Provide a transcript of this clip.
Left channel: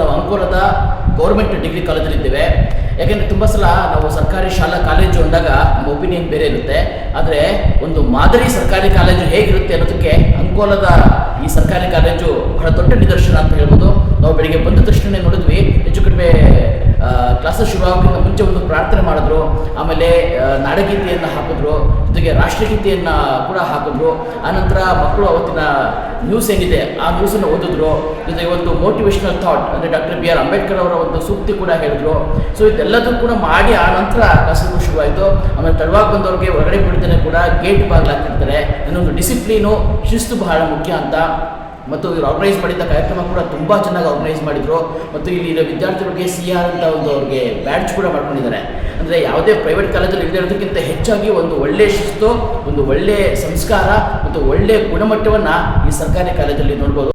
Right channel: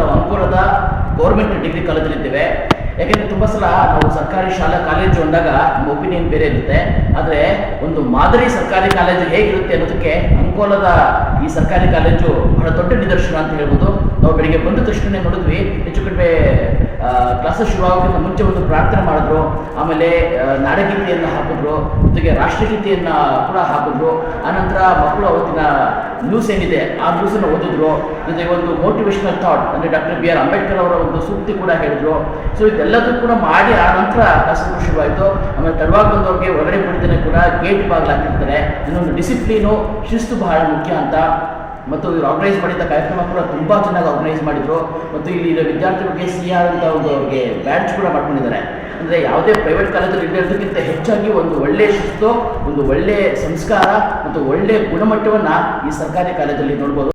ನಾವು ಅಂಕೋಲದ government degree ಕಾಲೇಜಲ್ಲಿದ್ದೇವೆ. ಯಾಕೆಂದರೆ ತುಂಬ ಸಲ ನಾವು ಸರ್ಕಾರಿ ಶಾಲಾ ಕಾಲೇಜು ಅಂದಾಗ ನಮ್ಮ ಒಪಿನಿಯನ್ ಬೇರೆ ಇರುತ್ತೆ. ಆದರೆ ಒಂದು ಮಾದರಿ ಸರ್ಕಾರಿ ಕಾಲೇಜು ಹೇಗಿರುತ್ತೆ ಅನ್ನೋದಕ್ಕೆ ಅಂಕೋಲದ ಈ ಸರ್ಕಾರಿ ಕಾಲೇಜು ಬಹಳ ದೊಡ್ಡ ನಿದರ್ಶನ ಅಂತ ಹೇಳ್ಬೋದು. ನಾವು ಬೆಳಿಗ್ಗೆ ಬಂದ ತಕ್ಷಣ ನೋಡಿದ್ವಿ, ಹೆಚ್ಚು ಕಡಿಮೆ ಕ್ಲಾಸಸ್ ಶುರುವಾಗೋಕ್ಕಿಂತ ಮುಂಚೆ ಒಂದು ಪ್ರಾರ್ಥನೆ ಮಾಡಿದ್ರು, ಆಮೇಲೆ ನಾಡಗೀತೆಯನ್ನು ಹಾಕಿದ್ರು, ಜೊತೆಗೆ ರಾಷ್ಟ್ರಗೀತೆಯನ್ನು ಕೂಡ ಹಾಕಿದ್ರು. ಆನಂತರ ಮಕ್ಕಳು ಅವತ್ತಿನ ನ್ಯೂಸ್ ಏನಿದೆ ಆ ನ್ಯೂಸನ್ನು ಓದಿದ್ರು. ಜೊತೆಗೆ ಒಂದು ಮೋಟಿವೇಶನಲ್ ಥಾಟ್ ಅಂದರೆ ಡಾಕ್ಟರ್ ಬಿ ಆರ್ ಅಂಬೇಡ್ಕರ್ ಅವರ ಒಂದು ಸೂಕ್ತಿ ಕೂಡ ಹೇಳಿದ್ರು. ಸೊ ಇದೆಲ್ಲದೂ ಕೂಡ ಮಾಡಿ ಆ ನಂತರ ಕ್ಲಾಸಸ್ ಶುರುವಾಯಿತು. ಆಮೇಲೆ ತಡವಾಗಿ ಬಂದವ್ರಿಗೆ ಹೊರಗಡೆ ಬಿಡ್ದೇನೆ ಕೂಡ ಗೇಟ್ ಬಾಗಿಲು ಹಾಕಿರ್ತಾರೆ. ಇನ್ನೊಂದು ಡಿಸಿಪ್ಲೀನು, ಶಿಸ್ತು ಬಹಳ ಮುಖ್ಯ ಅಂತ. ಮತ್ತು ಇವರು ಆರ್ಗನೈಸ್ ಮಾಡಿದ್ದ ಕಾರ್ಯಕ್ರಮ ಕೂಡ ತುಂಬ ಚೆನ್ನಾಗಿ ಆರ್ಗನೈಸ್ ಮಾಡಿದರು. ಮತ್ತು ಇಲ್ಲಿ ವಿದ್ಯಾರ್ಥಿಗಳಿಗೆ CR ಅಂತ ಒಂದು ಅವ್ರಿಗೆ ಬ್ಯಾಡ್ಜ್ ಕೂಡ ಮಾಡ್ಕೊಂಡಿದ್ದಾರೆ. ಅಂದರೆ ಯಾವುದೇ ಪ್ರೈವೇಟ್ ಕಾಲೇಜಲ್ಲಿ ಇರೋದಕ್ಕಿಂತ ಹೆಚ್ಚಾಗಿ ಒಂದು ಒಳ್ಳೆಯ ಶಿಸ್ತು, ಒಂದು ಒಳ್ಳೆಯ ಸಂಸ್ಕಾರ ಮತ್ತು ಒಳ್ಳೆಯ ಗುಣಮಟ್ಟವನ್ನು ಈ ಸರ್ಕಾರಿ ಕಾಲೇಜಲ್ಲಿ ನೋಡ್ಬೋದು.